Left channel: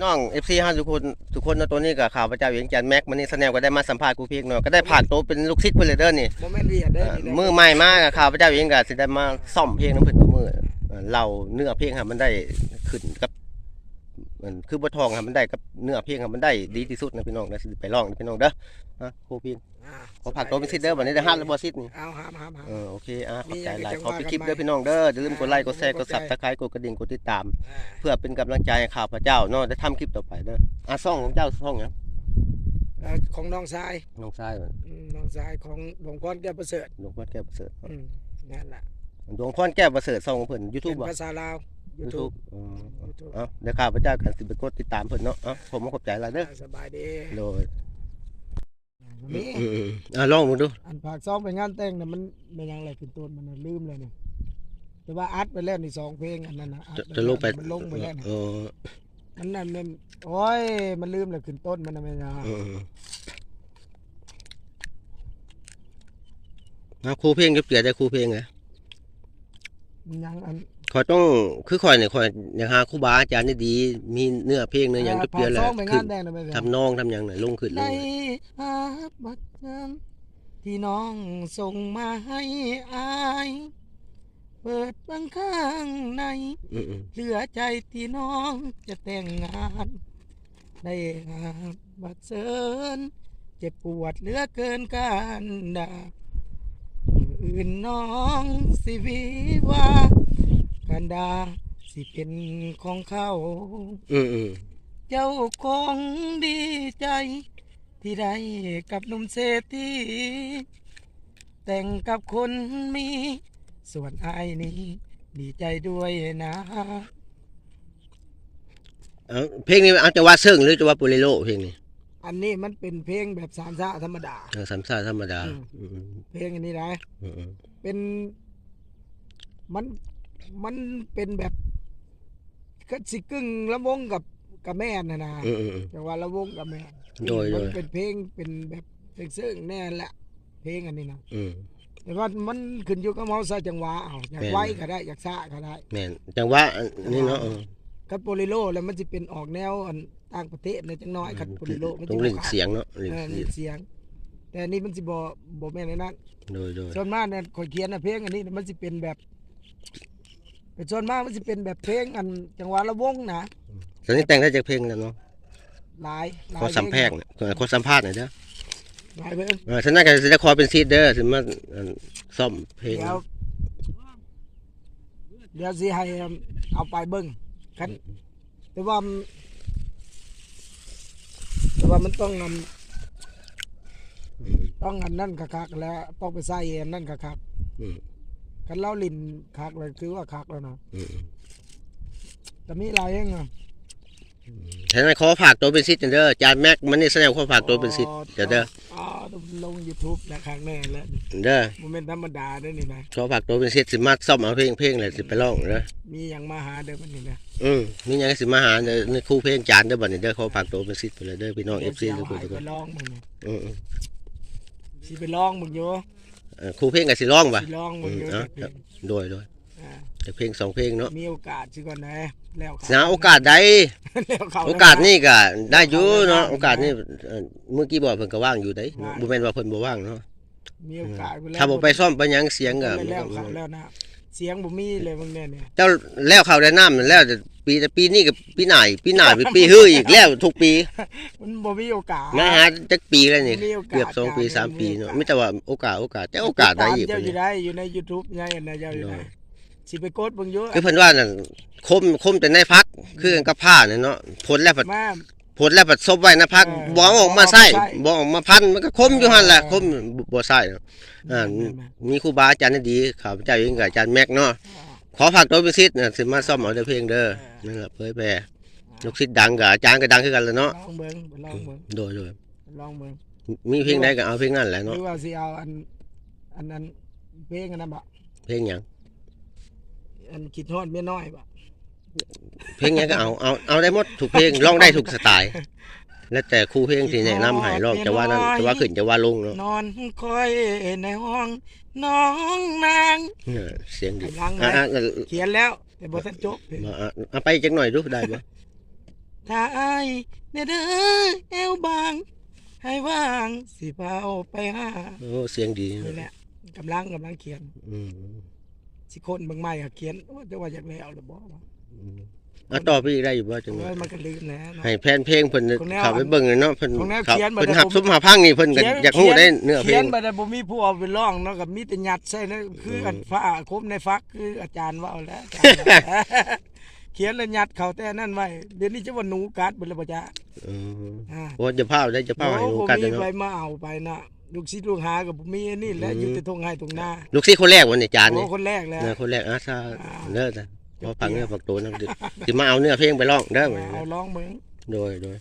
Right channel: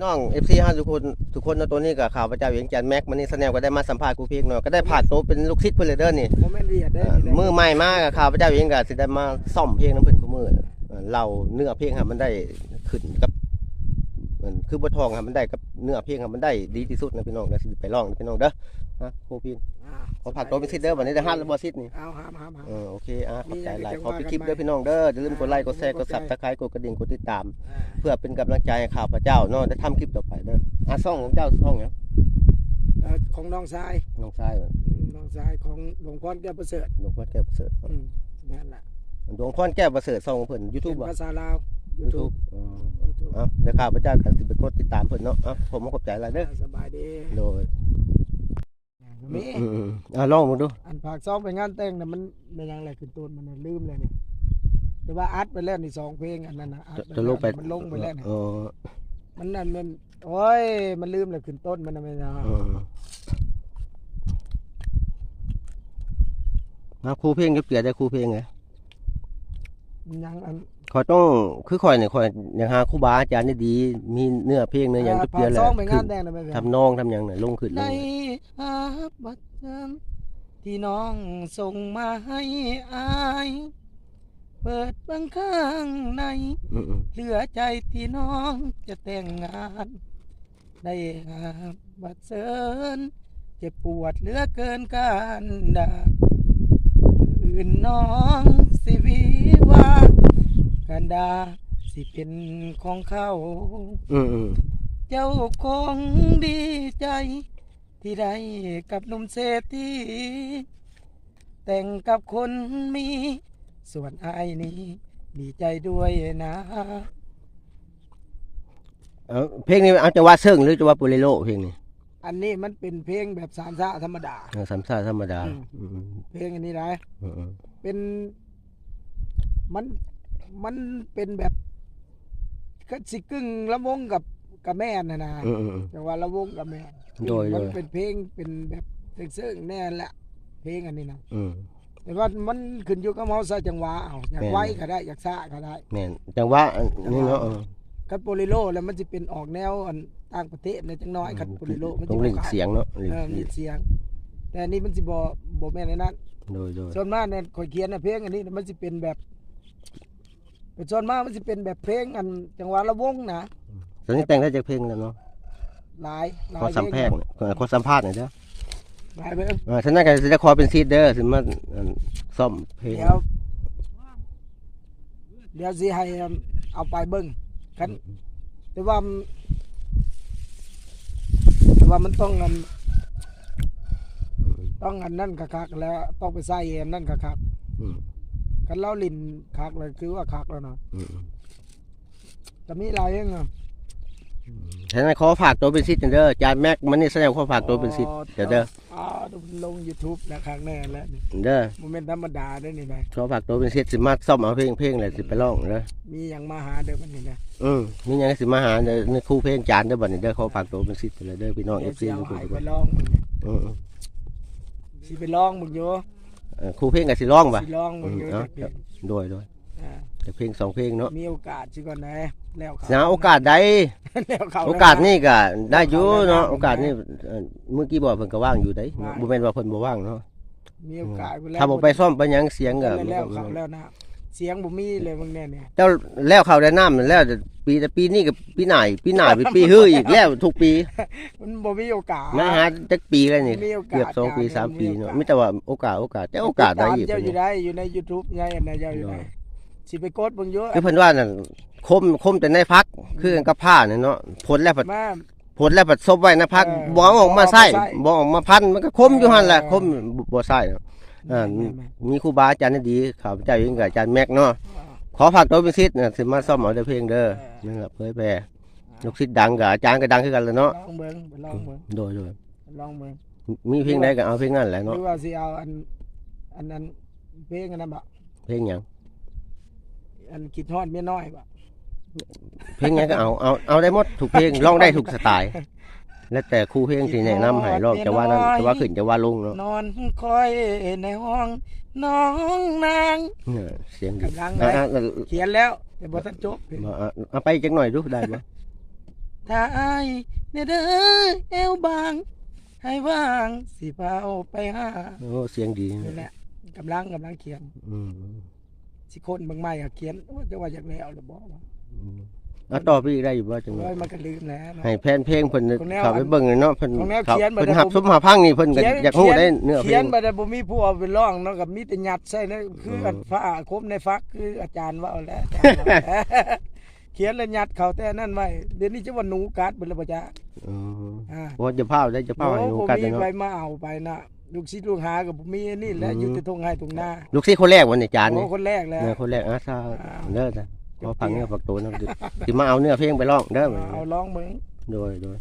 พี่น้อง FC ฮะทุกคนทุกคนเนาะตัวนี้ก็ข่าวประจาเวียงจันทน์แม็กมันนี่แสดงก็ได้มาสัมภาษณ์กูเพียงเนาะก็ได้ผ่านโตวเป็นลูกศิษย์เพิ่นเลยเด้อนี่โมเมนต์เวียดได้เอ่อนี่ได้มือใหม่มากอะข่าวประจาเวียงก็สิได้มาซ่อมเพลงน้ำเพิ่นทุกมื้อเอ่อเราเนื้อเพลงครับมันได้ขึ้นกับ มันคือบ่ทองครับมันได้กับเนื้อเพลงครับมันได้ดีที่สุดนะพี่น้องนะสิไปลองนะพี่น้องเด้อฮะครูพี่อ่าขอผักโตวเป็นศิษย์เด้อบัดนี้ได้ฮัดแล้วบ่ศิษย์นี่เอาห้ามห้ามห้ามเออโอเคอะขอบใจหลายมีขอะไรอจะไปคลิปว่ากันเด้อพี่น้องเด้ออย่าลืมกดไลค์กดแชร์กดขอบใจ Subscribe กดกระดิ่งกดติดตามอ่าเพื่อเป็นกำลังใจให้ข้าพเจ้าเนาะได้ทำคลิปต่อไปเด้ออะซ่องของเจ้าซ่องหยังเอ่อของน้องชายน้องชายอืมน้องชายของหลวงพ่อแก้วประเสริฐหลวงพ่อแก้วประเสริฐอืมนั่นแหละหลวงพ่อแก้วประเสริฐซ่องของเพิ่นเป็ YouTube นบ่ภาษาลาว ยูทูบ YouTube อ๋อเอ้าเดี๋ยวข้าพเจ้ากันสิไปกดติดตามเพิ่นเนาะเอ้าผมขอบใจหลายเด้อสบายดีโดยนี่อืมๆอะลองมึงดูอันผากซ้อมไปงานแต่งน่ะมันไม่ยังอะไรขึ้นต้นมันน่ะลืมเลยเนี่ยแต่ว่าอัดไปแล้วนี่สองเพลงอันนั้นนะอัดจะไปจะลงไปมันลงไปแล้วเนี่ยเออมันนั่นมันโอ้ยมันลืมเลยขึ้นต้นมันน่ะไม่ยังเออเอาครูเพลงก็เปลี่ยนได้ครูเพลงไงมันยังอัน ขอยต้องคือข่อยเนี่ยข่อยอยากหาครูบาอาจารย์ที่ดีมีเนื้อเพลงเนื้อหยังอ่าจะเปลี่ยนผากแล้ซ้วอมไปขึ้งานนแต่งน่ะไม่ยังทำนองทำหยังน่ะลงขึ้นเลในยอาบัตรจำที่น้องส่งมาให้อาย เปิดบางข้างใน อืมเหลือใจที่น้องจะแต่งงาน ได้อาบัตรเสินเจ็บปวดเหลือเกินการดาอื่นน้องสิวิว่า การดาสิเป็นของเขาๆอืมอืมเจ้าคงดีใจ ที่ได้กับหนุ่มเศรษฐีแต่งกับคนมี ส่วนอายนี้ ดีใจด้วยนะเอาเพลงนี้เอาจังหวะเซิงหรือจังหวะโปเลโลเพลงนี้อันนี้มันเป็นเพลงแบบสามชาธรรมดา เอาสามชาติธรรมดาอืมอืมเพลงอันนี้นะ อืมอืมเป็นมัน มันเป็นแบบก็สิกึ่งละวงกับกับแม่นนะนะอืมอืมอืม แต่ว่าละวงกับแม่นโดยมันโดย เป็นเพลงเป็นแบบเพลงซึ่งแน่แหละเพลงอันนี้นะอืม แต่ว่ามันขึ้นอยู่กับเฮาใส่จังหวะเอาอยากแม่น ไว้ก็ได้อยากซ่าก็ได้ แม่นจังหวะอันนี่เนาะเออคันโปลิโลแล้วมันสิเป็นออกแนวอันต่างประเทศในจังน้อยคันโปลิโลมันต้องสิเล่นบ่ขาดเสียงเนาะเล่นเออมีเสียง แต่อันนี้มันสิบ่บ่แม่นในนั้นโดยโดยส่วนมากเนี่ยข่อยเขียนน่ะเพลงอันนี้มันสิเป็นแบบแต่ ส่วนมากมันสิเป็นแบบเพลงอันจังหวะละวงนะตอนนี้แต่งได้จากเพลงแล้วเนาะหลายหลายขอสัมแพงเนี่ยขอสัมภาษณ์หน่อยเด้อหลายเพลงอ่าฉะนั้นก็สิได้ขอเป็นซีดเด้อสิมาอันซ่อมเพลงเดี๋ยวเดี๋ยวสิให้เอาไปเบิ่งคันแต่ว่ามันแต่ว่ามันต้องอันต้องอันนั่นคักๆแล้วต้องไปใส่อันนั่นคักอืมๆ กันเล่าลินคักเลยคือว่าคักแล้วนะอืมแต่มีหลายเองอะฉะนั้นขอฝากตัวเป็นซีดเด้ออาจารย์แม็กมันนี่แสดงขอฝากตัวเป็นซีดเด้อเด้ออ๋อลง YouTube นะครั้งแน่แล้วนี่เด้อโมเมนต์ธรรมดาเด้วยนี่นะขอฝากตัวเป็นซีดสิมาซ่อมเอาเพลงเพลงเลยสิไปร้องเด้อมีอย่างมาหาเด้อมันนี่นะอืมมีหยังสิมาหาเด้อในครูเพลงจานเด้อบัดนี้เด้อขอฝากตัวเป็นซีดไปเลยเด้อพี่น้องดี๋ยว FC สิทุเอากคนให้ทุกไปคนลองมึงเนี่ยอืมสิไปลองมึงอยู่ เอ่อครูเพลงก็สิร้องบ่สิลองมึงอยู่อืมเดี๋ยวโดยโดยอ่าจากเพลงสองเพลงเนาะมีโอกาสสิก่อนนะแล้วเขหาโอกาสใดแล้วเขา โอกาสนี่ก็ได้อยู่เนาะโอกาสนี่เอ่อเมื่อกี้บอกเพิ่นก็ว่างอยู่ได้บ่แม่นว่าเพิ่นบ่ว่างเนาะมีโอกาสไปแล้วถ้าบ่ไปซ่อมไปหยังเสียงก็แล้วมันแล้วก็ เขาแล้วนะ เสียงบ่มีเลยมึงเนี่ยเนี่ยเจ้าแล้วเข้าได้น้ำนั่นแล้วแต่ปีแต่ปีนี้กับปีหน้าอีกปีหน้าเป็นปีฮื้ออีกแล้วทุกปีมันบ่มีโอกาสนะฮะจักปีแล้วนี่มีโอกาส เกือบสองปีสามปีเนาะมีแต่ว่าโอกาสโอกาสแต่โอกาสได้อีกเจ้าพุ่นอยู่นี่ได้อยู่ใน YouTube ไงอันนะเจ้าอยู่ได้สิไปกดเบิ่งอยู่คือเพิ่นว่านั่นคมคมแต่ในพักคือกันกับผ้าเนี่ยเนาะผลแล้วผัดมา ผลแล้วผัดซบไว้ในพักเออบ่เอาออกมาใส่บ่เอามาใส่บ่ออกมาพันมันก็คมอยู่หั่นแหละเออคมบ่บ่ใส่เนาะ อ่ามีครูบาอาจารย์ที่ดีข้าพเจ้าเองกับอาจารย์แม็กเนาะขอฝากตัวเป็นศิษย์น่ะสิมาซ่อมเอาแต่เพลงเด้อนั่นล่ะเผยแพร่ลูกศิษย์ดังกับอาจารย์ก็ดังคือกันแหล้วเนาะลองเบิ่งไปลองเบิ่งโดยโดยลองเบิ่งมีเพลงใดก็เอาเพลงนั้นแหละหเนาะรือว่าสิเอาอันอันนั้นเพลงอันนั้นบ่เพลงหยังอันคิดฮอดเมียน้อยบ่เพลงหยังก็เอาเอาเอาได้หมดทุกเพลงร้องได้ทุกสไตล์ แล้วแต่ครูเพลงที่แนะนำให้ร้องจะว่านั้นจะว่าขึ้นจะว่าลงเนาะนอนคอยในห้องน้องนางเออเสียงดีกำลังเลยอะอะอะเขียนแล้วแต่บ่ทันจบเพลงมาอะเอาไปจักหน่อยดูได้บ่ถ้าอายเนี่ยเด้อเอวบางให้ว่างสิพาเอาไปหาโอ้เสียงดีนี่แหละกำลังกำลังเขียนอืมสิคนบางไม่อะเขียนโอ้จะว่าอยากแล้วหรือบ่วะอืม เอาต่อไปอีกได้อยู่บ่จังเอ้ยมันก็ลืมนะเนาะให้แฟนเพลงเพิ่นของแนวเข้าไปเบิ่งเนาะเพิ่นของแนวเขาเขียนบ่เพิ่นได้หับผม ซุมหาพังนี่เพิ่นก็เขียนอยากฮู้ได้เนื้อเพลเขียงนไปแต่บ่มีผู้เอาไปร้องเนาะกับมีแต่ยัดใส่นะคืออันอืมฟ้าคมในฟักคืออาจารย์ว่าเอาแล้วอาจารย์ว่าเขียนแล้วยัดเขาแต่นั่นไว้เดี๋ยวนี้จะว่าหนูกัดเบิดแล้วบ่จ๊ะอืมอ่าโอ้จะพาได้จะพาให้โอ้รู้บ่กันมีเนาะใครมาเอาไปนะลูกศิษย์ลูกหากับบ่มีอันนี่แหละอืมอยู่แต่ทงให้ทงหน้าลูกศิษย์คนแรกวันนี้จานโอ้นี่คนแรกแล้วเนื้อคนแรกอาซาอ่าเด้อจ้ะ พอฟังเนื้อฟังตัวนะสิมาเอาเนื้อเพลงไปร้องเด้อเอาร้องเบิ่งโดยโดย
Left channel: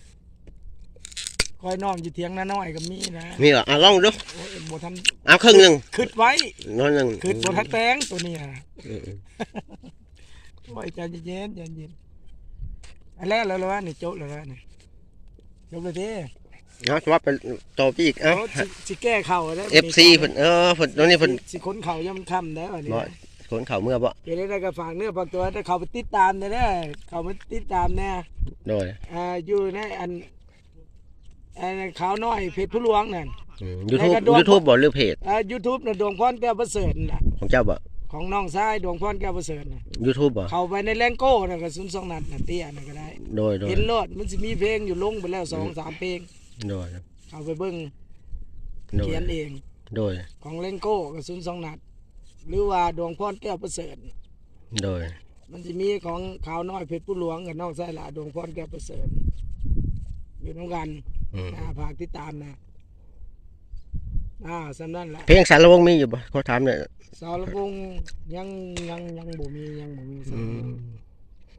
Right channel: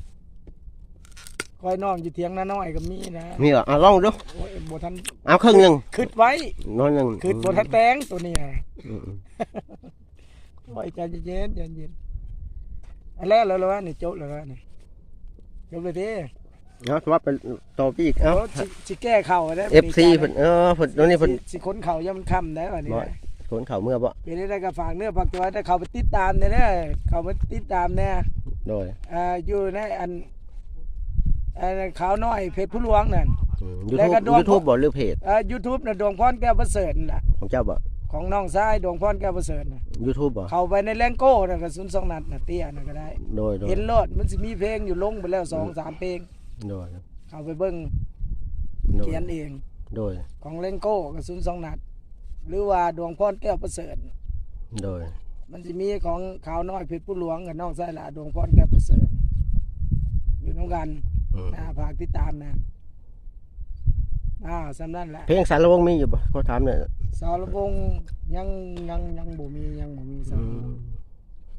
คอยนอนอยู่เถียงนาน้อยก็มีนะมีเหรออะลองดูโอ้ยบ่ทันเอาครึ่งหนึงคิดไว้น้อยหนึงคิดบ่ทันแปลงตัวนี้อะอืมโอ้ยใจเย็นๆใจเย็นอันแรกแล้วเหรอวะนี่จบแล้วนะนี่จบไปทีเอาสวัสดีต่อไปอีกเอ้าโอ้สิสิแก้เข่าแล้ว FC เพิ่นเออเพิ่นตอนนี้เพิ่นสิคนเข่ายังมันค่ำแล้วอัน นี้บ่คนเขาเมื่อบ่เดี๋ยวได้ก็ฝากเนื้อฝากตัวถ้าเขาไปติดตามเนี่ยนะเขาไปติดตามเนี่ยโดยอ่าอยู่ในอันอันขาวน้อยเพจผู้หลวงนั่นอืม YouTube แล้วก็ดวง YouTube บ่หรือเพจอ่า YouTube น่ะดวงพรแก้วประเสริฐน่ะของเจ้าบ่ของน้องชายดวงพรแก้วประเสริฐน่ะ YouTube บ่เข้าไปในแรงโก้น่ะก็ศูนย์สองนัดน่ะเตี้ยน่ะก็ได้โดยโดยเห็นโลดมันสิมีเพลงอยู่ลงไปแล้วสองสามเพลงโดยเอาไปเบิ่งโดยเขียนเองโดยของเลงโก้กับศูนย์สองนัด หรือว่าดวงพรแก้วประเสริฐโดย มันจะมีของขาวน้อยเพชรผู้หลวงกับน้องไส้ละดวงพรแก้วประเสริฐอยู่น้ำกันอืมอ่าฝากติดตามนะอ่าสำนั่นแหละเพลงสารวงมีอยู่บ่เขาถามเนี่ยสารวงศ์ยังยังยังบ่มียังบ่มีสาอืรวมงศ์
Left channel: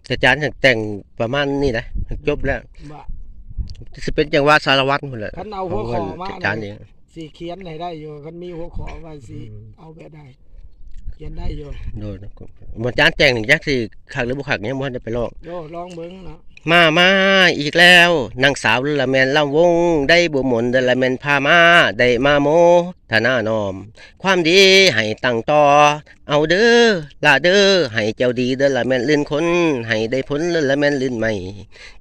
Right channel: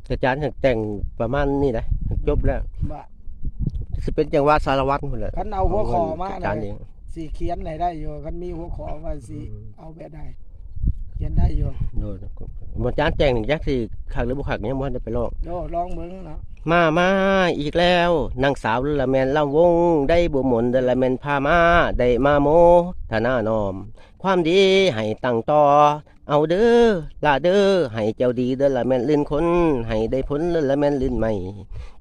แต่อาจารย์แต่งประมาณนี้นะจบแล้วบ่สิเป็นจังหวะสารวัตรพุ่นแหละคันเอาหัวขอมา อาจารย์เอง สีเขียนให้ได้อยู่คันมีหัวขอว่าสีอืมเอาแบบได้ เขียนได้อยู่โดยอาจารย์แต่งนี่จักสิคักหรือบ่คักยังบ่ทันได้ไปลองโดลองเบิ่งเนาะ มามาอีกแล้วนางสาวละแมนลำวง ได้บุหมนเดละแมนพามา ได้มาโมธนานอม ความดีให้ตั้งต่อ เอาเด้อลาเด้อให้เจ้าดีเด้อละแมนลื่นคน ให้ได้ผลเด้อละแมนลื่นใหม่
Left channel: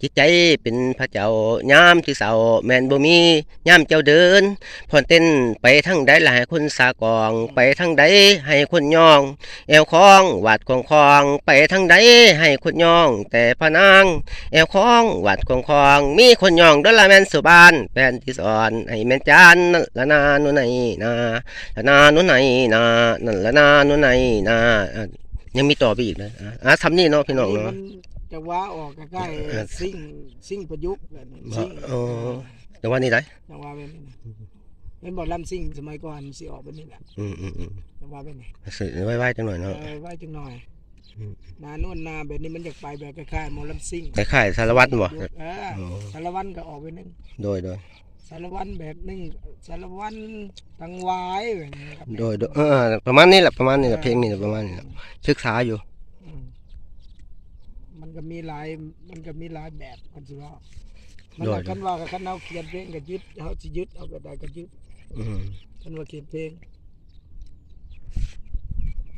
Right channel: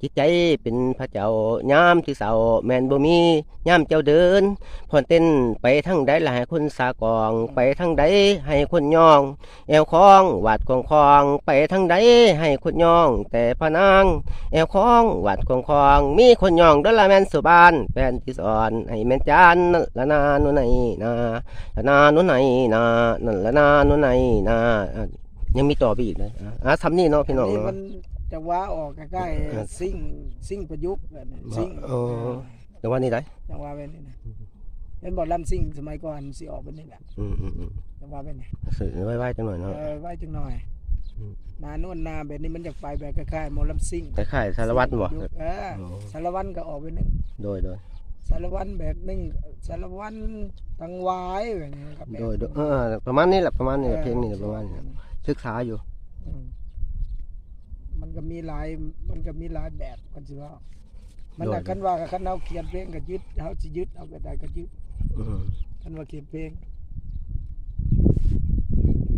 จิตใจเป็นพระเจ้ายามที่เศร้าแมนบ่มียามเจ้าเดินพอนเต้นไปทั้งใดหลายคนสากอง ไปทั้งใดให้คนย่อง แอวคองวาดคองคอง ไปทั้งใดให้คนย่อง แต่พะนางแอวคองวัดคองคองมีคนย่องดอลลาร์แมนสุบานแฟนที่สอนให้แม่นจานนั่นละนาโนุไหนนาละนาโนุไหนนานั่นละนาโนุไหนนาอะยังมีต่อไปอีกนะอะอะทำนี่เนาะพี่น้องนี่เนาะมันจะว้าออกใกล้เออๆซิ่งซิ่งประยุกต์แบบนี้บ่ซิ่งอ๋อแต่ว่านี่ไรจังว่าเป็นนี่นะเป็นบอลลำซิ่งสมัยก่อนสิออกเป็นนี่แหละอืมอืมอืมจังว่าเป็นนี่สื่อไว้ไว้จังหน่อยเนาะเออไว้จังหน่อยอืม นานวลนาแบบนี้มันอยากไปแบบคล้ายๆหมอลำซิ่งคล้ายๆสารวัตรบ่เอออ๋อสารวัตรก็ออกไปนึงโดยโดยสารวัตรแบบนึงสารวัตรตังวายแบบนี้ครับโดยโดยเออประมาณนี้แหละประมาณนี้แหละเพลงนี่แหละประมาณนี้แหละศึกษาอยู่อืมมันก็มีหลายมันก็มีหลายแบบกันสิว่ามันโดยน่ะคันว่ากับคันเอาเขียนเพลงก็ยึดเขาสิยึดเอาแบบใดก็ยึดอืมคันว่าเขียนเพลง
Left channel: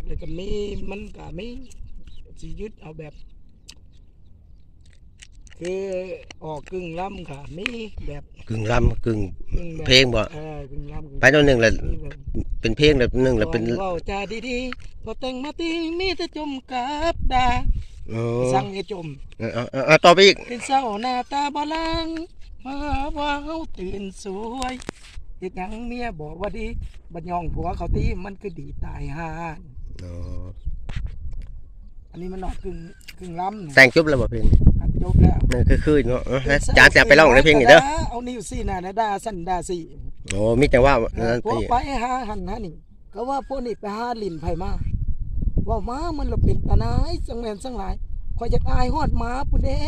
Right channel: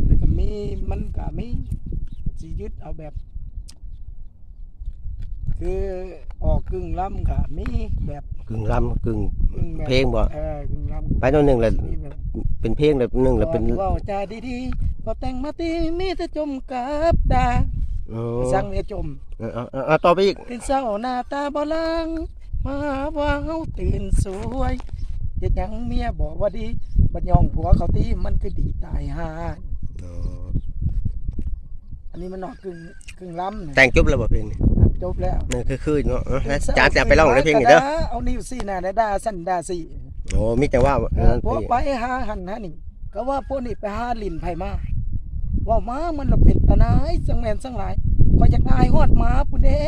แล้วก็มีมันก็มี สิยึดเอาแบบ คือออกกึ่งล้ำค่ะมีแบบกึ่งรำกึ่งกึ่งแบบเพลงบ่เออกึ่งล้ำไปตัวหนึ่งแหละมีแบบ เป็นเพลงแบบหนึ่งแล้วเป็นก่อเว้าจาดีๆ พอแต่งมาตีมีแต่จมกับดาอ๋อสั่งให้จม เอาเอาเอาเอาต่อไปอีกเป็นเศร้าหน้าตาบ่ลังมาว่าเฮาตื่นสวยเฮ็ดหยังเมียบอกว่าดีบัดย่องผัวเขาตีมันคือดีตายห่าอ๋อ อันนี้มันออกกึ่งกึ่งล้ำนะแต่งจบแล้วบ่เพลงนี้อะจบแล้วนี่คือคือเนาะเออแล้วจานจะไปร้องในเพลงนี้เด้อเอานิ้วซี่หน้าได้ด่าสั้นด่าซี่โอ้มีแต่ว่านั่นพวกพี่ไปหาหันหานี่ก็ว่าพวกนี้ไปหาลิ้นไผมาว่ามามันละเป็นตาหนายสังแลนสังหลายคอยจะอายฮอดหมาพุ่นเด้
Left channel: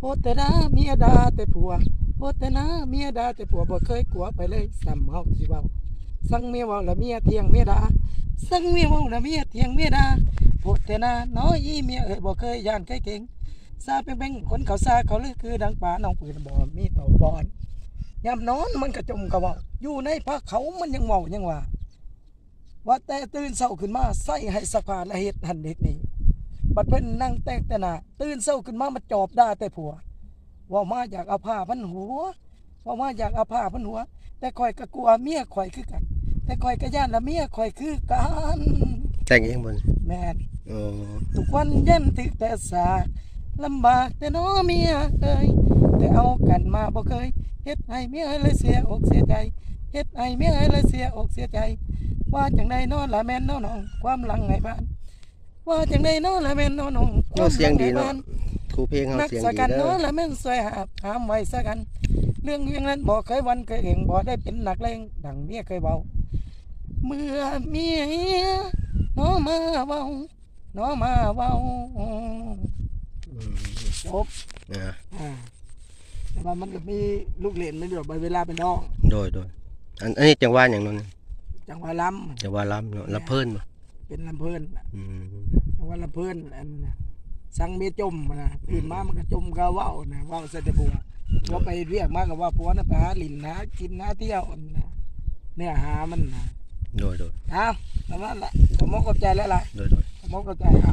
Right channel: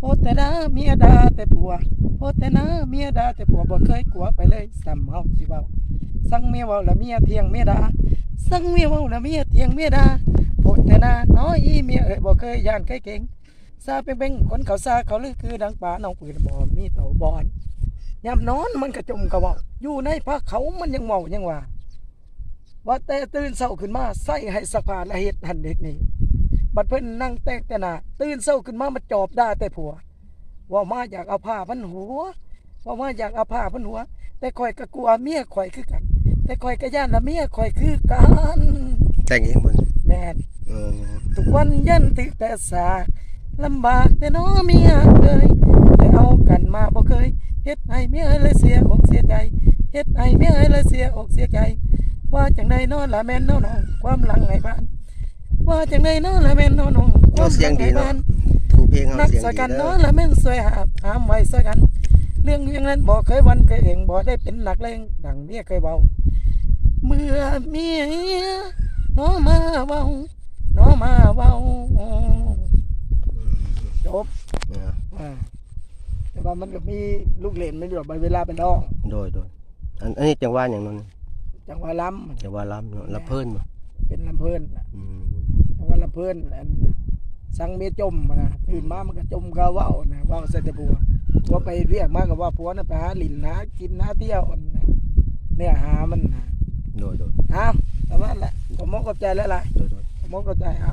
โอแต่นะเมียดาแต่ผัวโอแต่นะเมียดาแต่ผัวบ่เคยกลัวไปเลยซ้ำเฮาสิเว้าสั่งเมียเว้าละเมียเที่ยงเมียดาสั่งเมียเว้าละเมียเที่ยงเมียดา โอแต่นะน้อยอีเมียเอ้ยบ่เคยย่านใครเก่งซาเป่งๆคนเขาซาเขาลือคือดังป่าน้องปืนบ่มีเต่าบอนยามนอนมันก็จมก็เว้าอยู่ในภาคเขามันยังเว้ายังว่าว่าแต่ตื่นเช้าขึ้นมาใส่ให้สักผาและเฮ็ดหันเฮ็ดนี่บัดเพิ่นนั่งแตกแต่นาตื่นเช้าขึ้นมามาจอบด่าแต่ผัว ว่ามาอยากเอาผ้าพันหัว ว่ามาอยากเอาผ้าพันหัว แต่ข่อยก็กลัวเมียข่อยคือกัน แต่ข่อยก็ย่านละเมียข่อยคือกัน แต่งเองบ่นี่แม่นเออทุกวันยันติดแต่สากลำบากแต่น้อเมียเคยแต่เอากันมาบ่เคยเฮ็ดให้เมียเลยเสียอกเสียใจเฮ็ดให้เมียเลยเสียอกเสียใจ ว่าจังใดน้อละแม่นน้อน้องความหลังให้บ้านว่าจังใดน้อละแม่นน้อน้องคโอ้วามหเสียลังงดีให้เนาะบ้านครูเพลงเฮานักเสียงสดีกันเด้น้ออละแม่นสวยหาบหามไว้สกัน เรื่องเรื่องนั้นบอกเคยวันเคยเองบอกได้เป็นหนักเลงดังเมียเคยเบาเมื่อเมีย น้อมาเบาน้อมาเบาอืมจบเอออ่าแต่ว่ามันก็มีลูกเล่นไม่ดอกเวลาเป็นน้องโดยโดยอันอันนี้จังหวะหยังเนั่นจังหวะล้จังหวะลํเนาะละเพิ่นบ่ำเป็นลำเพลินน่ะอืมจังหวะลำเพลินอันสังเมียจมนะตื่นมามันก็จมก็เว้านะเว้าใส่แต่ผัวว่าไปเรียกมากับว่าผัวน่ะไปหาลินหากินหาเที่ยวอันน่ะเนื้อหามันนะโดยโดยอ้าว ประมาณนั้นแหละผมมกกับใจแล้วล่ะโดยโดย ผมมกกับใจอะ